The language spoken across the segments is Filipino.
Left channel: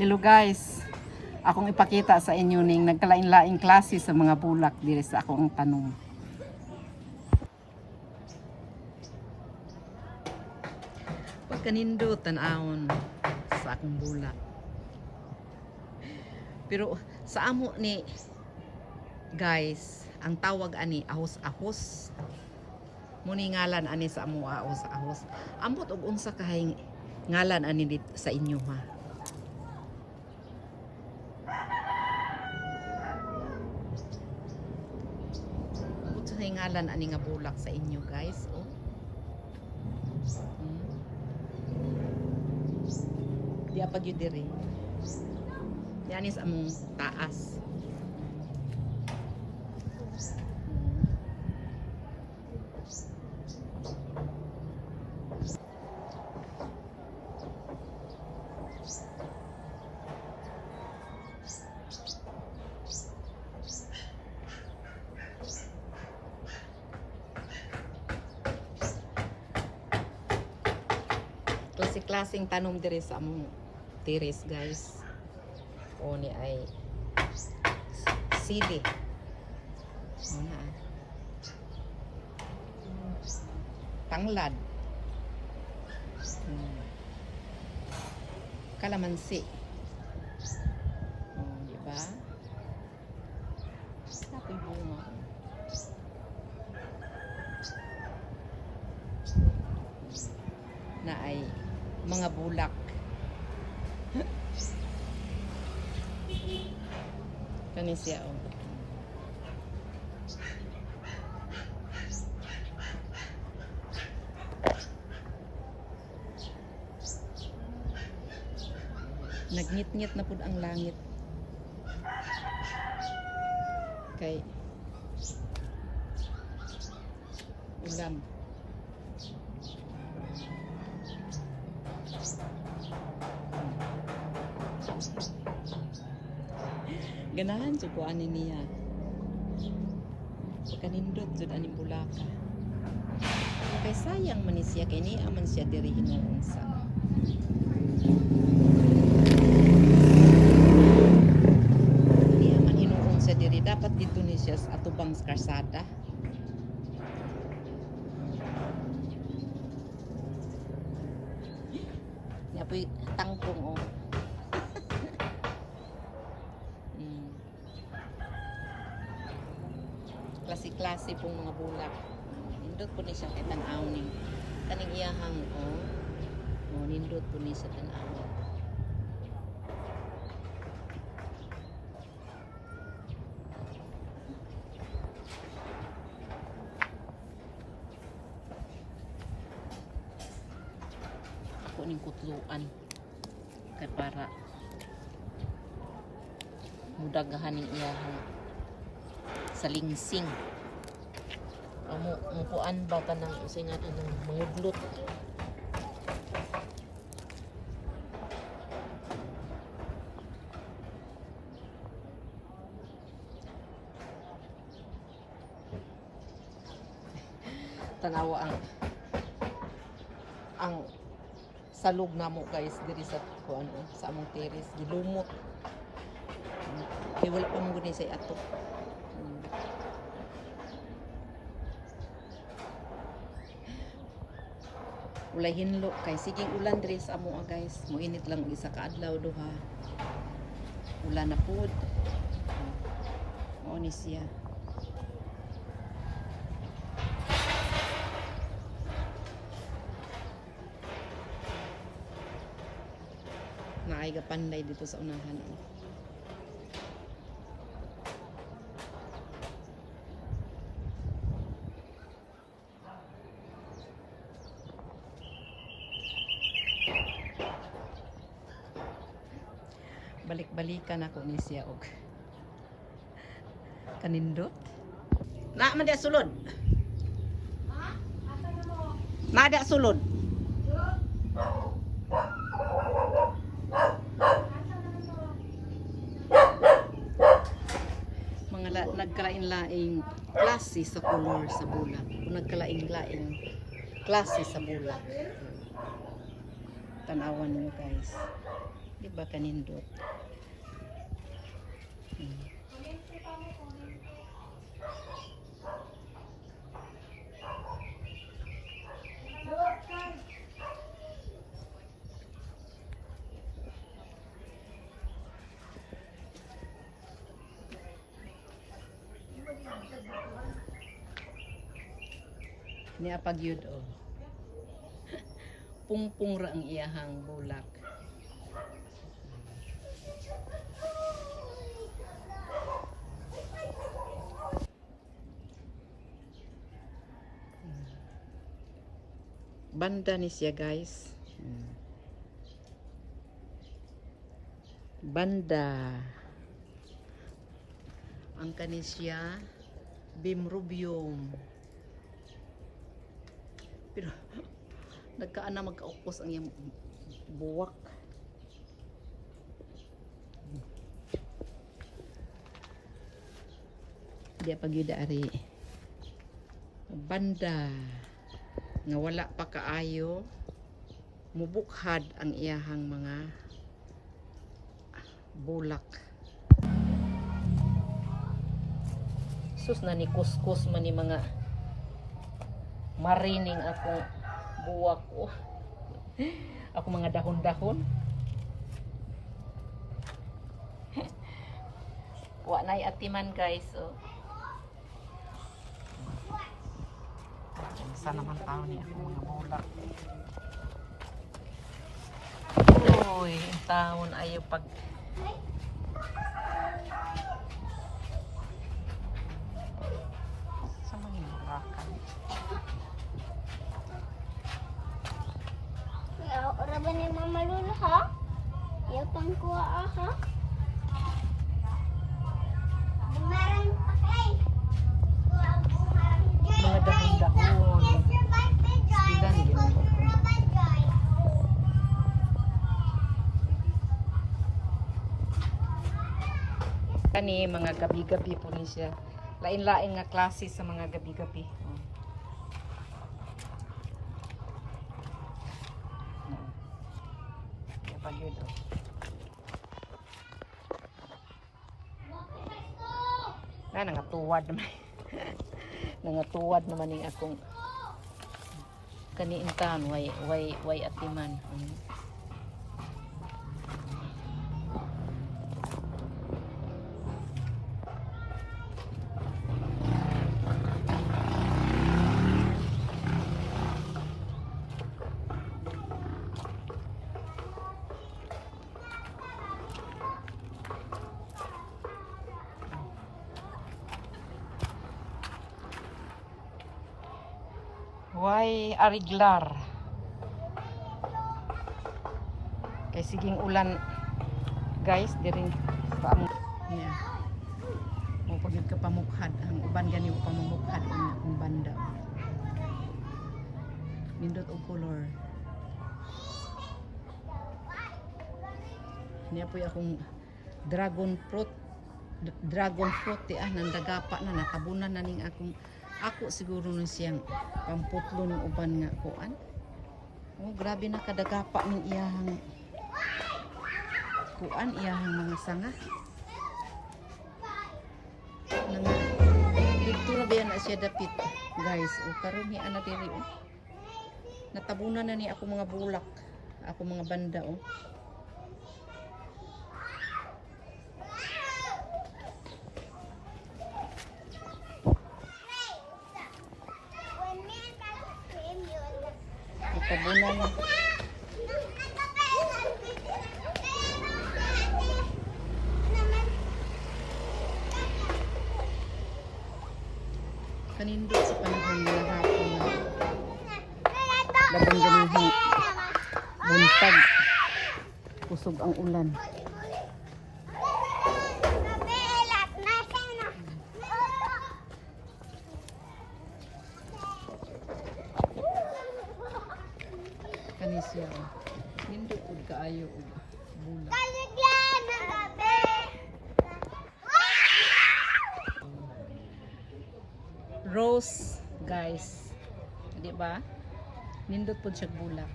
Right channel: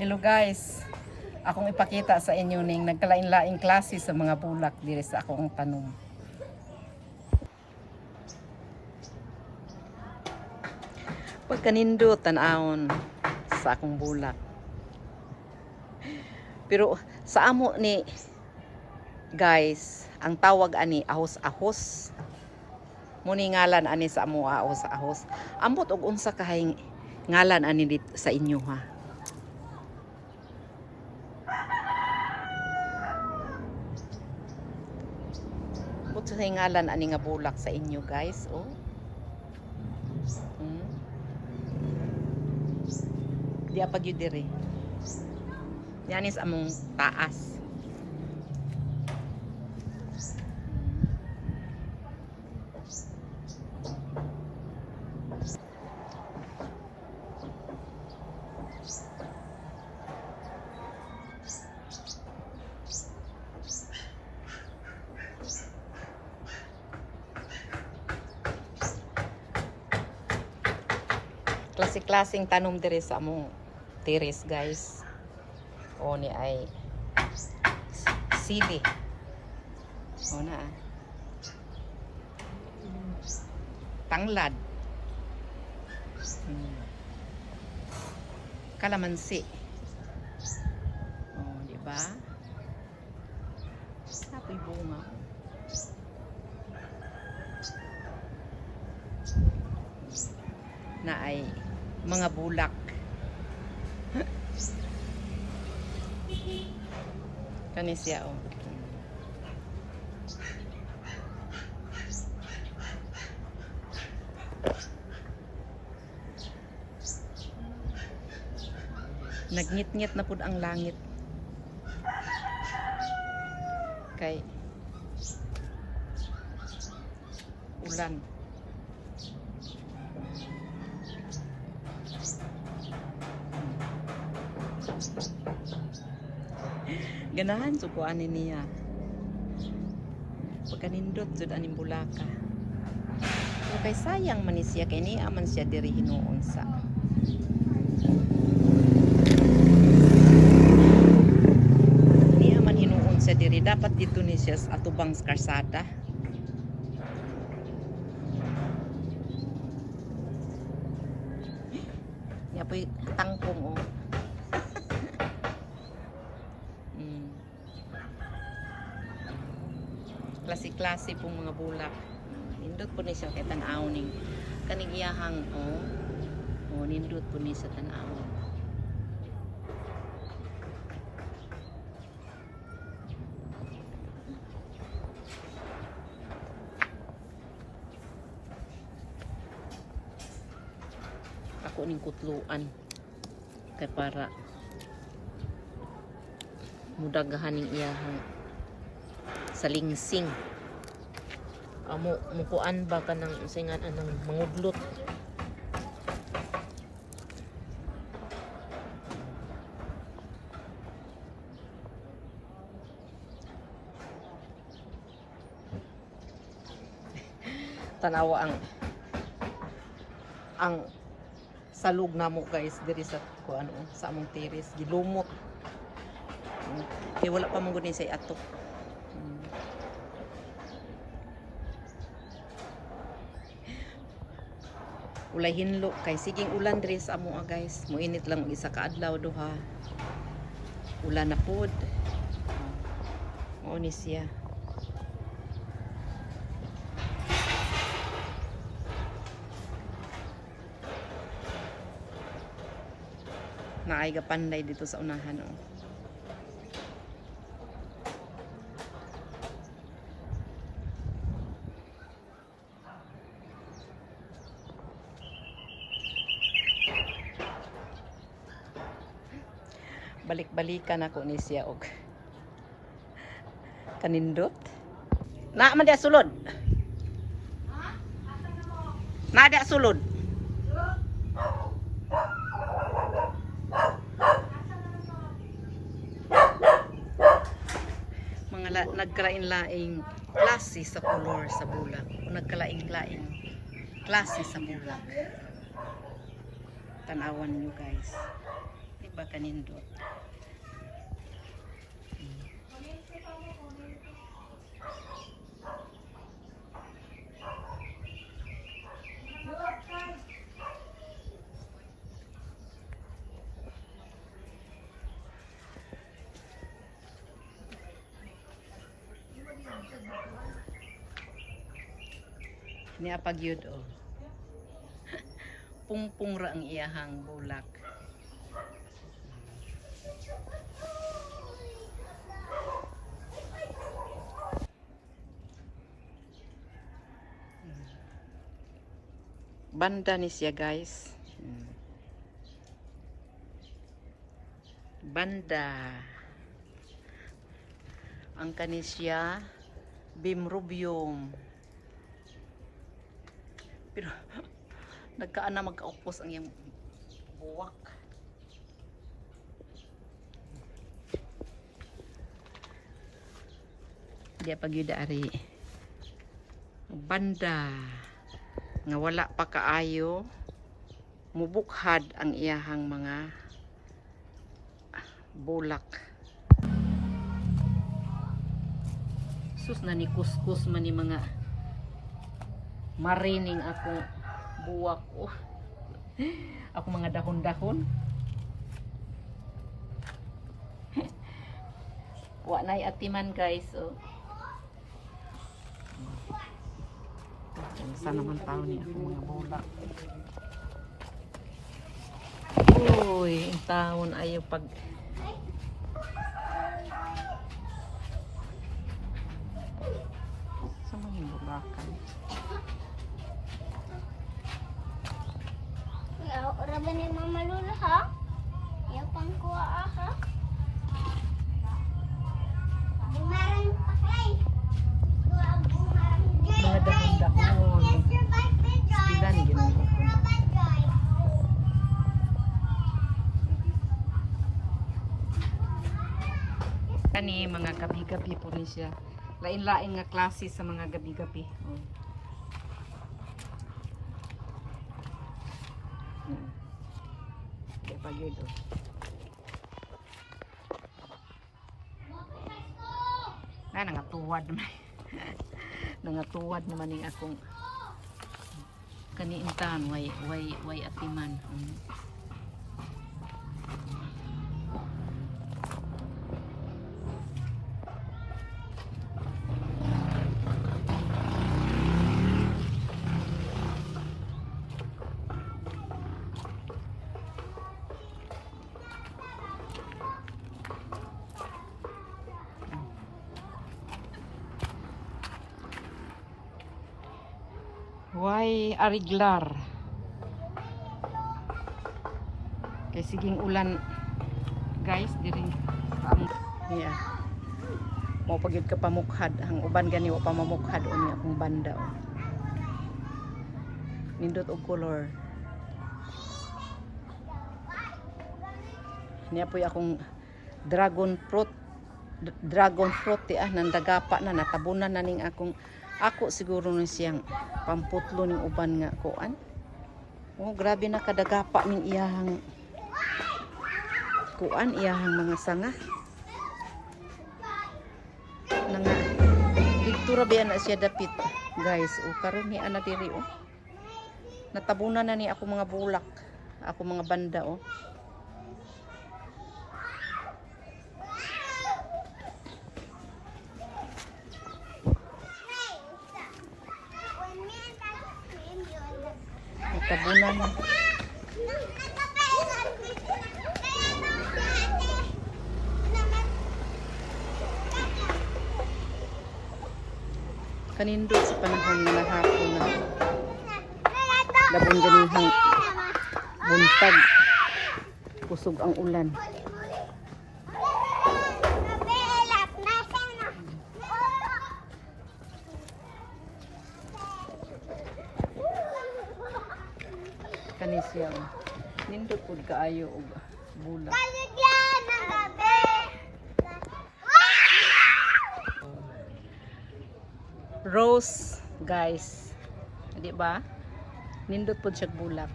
Hello guys. Akong ipakita sa inyo ning nagkalain-laing klase sa mga bulak diri sa akong tanom. Pagkanindo tan-awon sa akong bulak. Pero sa amo ni guys, ang tawag ani ahos-ahos. Muni ngalan ani sa amo ahos-ahos. Ambot og unsa kahay ngalan ani sa inyo ha. Ambot sa ngalan ani nga bulak sa inyo guys, oh. Hmm. Di apag yun diri. Yan is among taas. Klase-klaseng tanom diri sa among tiris guys. O ni ay sili. O na ah. Tanglad. Hmm. Kalamansi. O, di ba? Apoy bunga. Na ay mga bulak. Kani siya oh. Nagngit-ngit na pud ang langit. Kay ulan. Ganahan so kuanin niya. Pagkanindot jud aning bulaka. So, kay sayang man ni siya kay niya man siya diri hinuon sa. Niya man hinuon sa diri dapat dito ni siya sa atubang sa karsada. Niya po'y tangkong oh. Pong mga bulak. Nindot po ni siya kay tanaw ning kaning iyahang oh. Oh, nindot po ni sa tanaw. Ako ning kutluan kay para mudagahan ning iyahang salingsing amo mukuan ba ka ng singan anang mangudlot tanawa ang ang salug namo guys diri sa ko ano sa among tiris. Gilumot. Kay wala pa mong gunin sa atok. Ulay hinlo kay siging ulan diri sa amo ah, guys. Muinit lang isa ka adlaw duha. Ulan na pod. Mao ni siya. Naay ga panday dito sa unahan oh. Balik-balikan ako ni siya og kanindot. Na man dia sulod. Na dia sulod. Mga la, nagkalain-laing klase sa color sa bulak. O nagkalain-laing klase sa bulak. Tanawan niyo guys ba kanindot? Hmm. Niya pag yun, oh. Pungpung ra ang iyahang bulak. Banda ni siya guys. Banda. Ang kanisya bimrubium. Pero nagkaan na magkaupos ang iyang buwak. Di pag yun ari. Banda nga wala pa kaayo mubukhad ang iyahang mga bulak. Sus na ni kuskus man ni mga marining akong buwak ko. Ako mga dahon-dahon. Wa na'y atiman guys. Oh. Saan naman tao niya akong mga. Uy, ang taon ayaw pag sa mga bulakan. Yaw, ora ba ni Mama Lula ha? Yaw pang kuha ha? Bumarang ay. Bumarang Mga dahon-dahon. Bilan yun mo ko. Kani mga gabi-gabi po ni siya. Lain-lain nga klase sa mga gabi-gabi. Na. Kaya pag yun, oh. Na, nangatuwad naman. nangatuwad naman ni akong kaniintan, way, way, way atiman. Mm. Why ariglar? Kay siging ulan guys diring paamong yeah. Mo pagyud ka pamukhad ang uban gani wa pa mamukhad unya akong banda oh. Nindot og color. Niya po akong dragon fruit dragon fruit ti ah nandagapa na natabunan na ning akong ako siguro na siyang pamputlo ning uban nga kuan. Oh, grabe na kadagapa ning iyahang kuan iyahang mga sanga. Na nga dito ra biya na siya dapit, guys. O karon ni ana diri oh. Natabunan na ni ako mga bulak, ako mga banda oh. Na. Kanindot sa panahon nga hapon na labang ganihang buntag. Kusog ang ulan. Kani siya. oh. Nindot pud kaayo og bulak. Rose, guys. Di ba? Nindot pud siya bulak.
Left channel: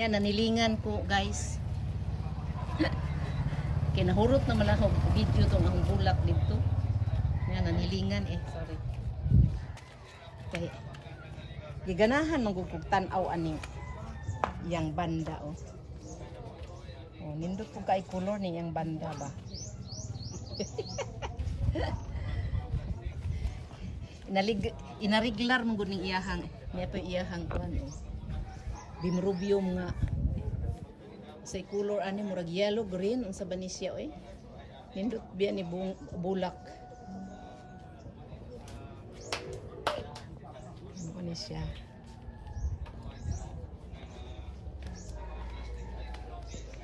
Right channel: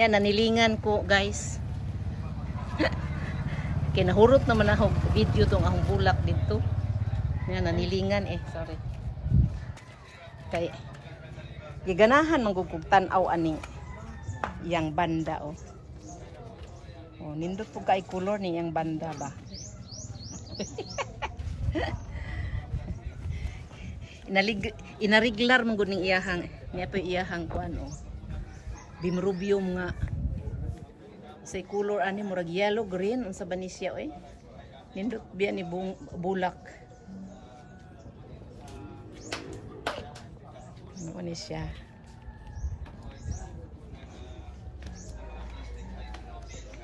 Yan nanilingan ko, guys. Kinahurot naman ako video tong akong bulak dito. Nga nanilingan eh, sorry. Kay giganahan man kog tan-aw aning yang banda oh. Oh, nindot po kay color ni yang banda ba. Inalig inariglar man gud ning iyahang niya pa iyahang kuan oh. Bimrubium nga sa color ani murag yellow green unsa ba siya oy nindot biya ni bulak ni siya.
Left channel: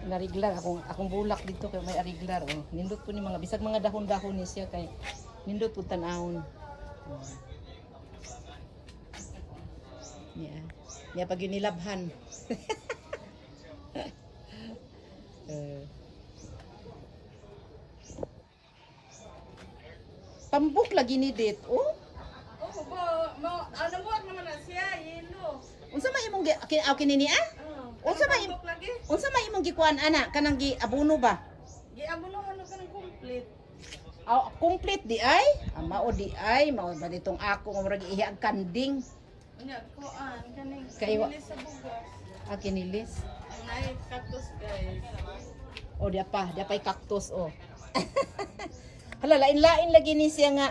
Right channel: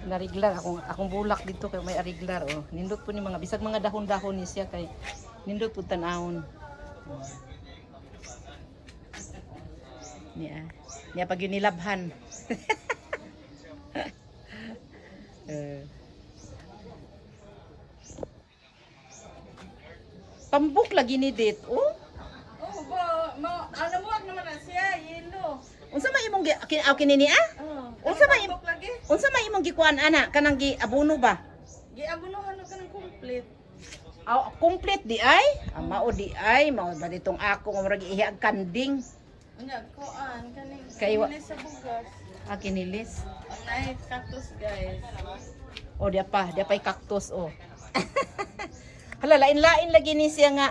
Nariglar. Akong akong bulak dito kay may ariglar oh. Nindot po ni mga bisag mga dahon-dahon ni siya kay nindot po tan-awon. Niya. Niya pag yun nilabhan Eh. Pambuk lagi ni date, oh. Oh, ba, ma, ano mo naman na siya, yelo. Unsa may imong gi aw kinini ah? Oh. Unsa may unsa may imong gikuan ana kanang gi abuno ba? Giabunuhan ka ng complete. Aw complete di ay? Ama o di ay mao ba ditong ako nga murag ihag kanding Hindi, koan, kani. Kay sa bugas. ah kinilis. Naay cactus, guys. O dia pa, dia pa'y cactus oh. Hala lain-lain lagi ni siya nga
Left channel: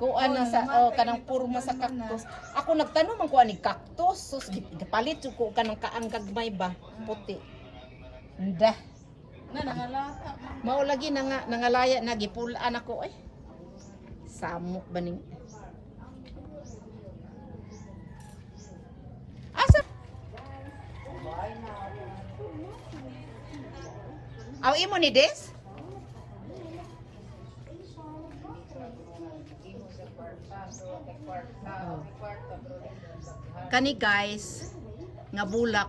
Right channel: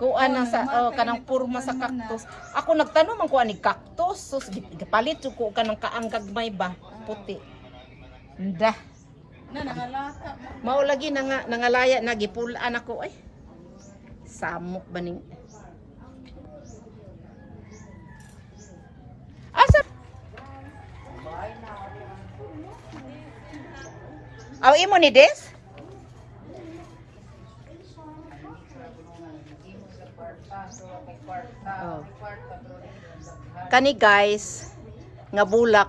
kuan na sa oh, kanang purma sa cactus. Ako nagtanong man kuan ni cactus, sus gipalit jud ko kanang kaang gagmay ba, puti. Nda. Na, nangalata. ma. Mao lagi na nga nangalaya na gipulaan ako ay. Samok ba ning Asa? Aw imo ni Des? Kani guys, nga bulak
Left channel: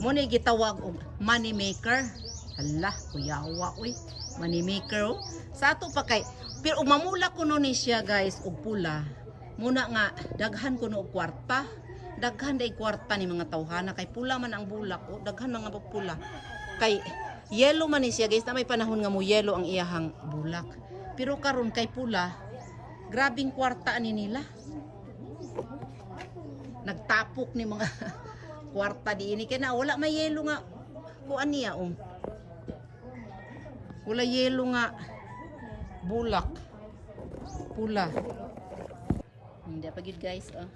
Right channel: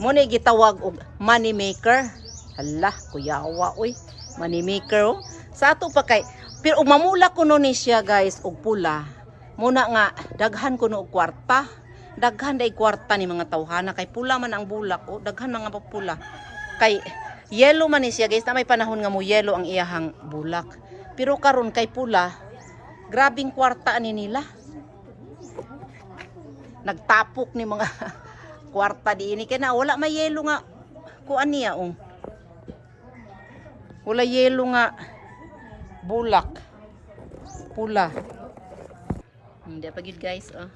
mo ni gitawag og money maker. Hala, kuyawa oy. Money maker oh. Sa ato pa kay pero ug mamula ko no ni siya guys og pula. Muna nga daghan ko no og kwarta. Daghan day kwarta ni mga tawhana kay pula man ang bulak oh. Daghan mga pula. Kay yellow man ni siya guys. Na may panahon nga mo yellow ang iyahang bulak. Pero karon kay pula, grabing kwarta ni nila nagtapok ni mga kwarta di ini kaya na wala may yelo nga kuan niya oh. Wala yelo nga bulak. Pula. Hindi pa gid guys oh.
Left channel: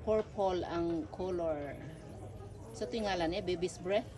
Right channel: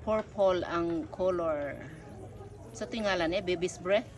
Purple ang color. Sa tingalan eh baby's breath.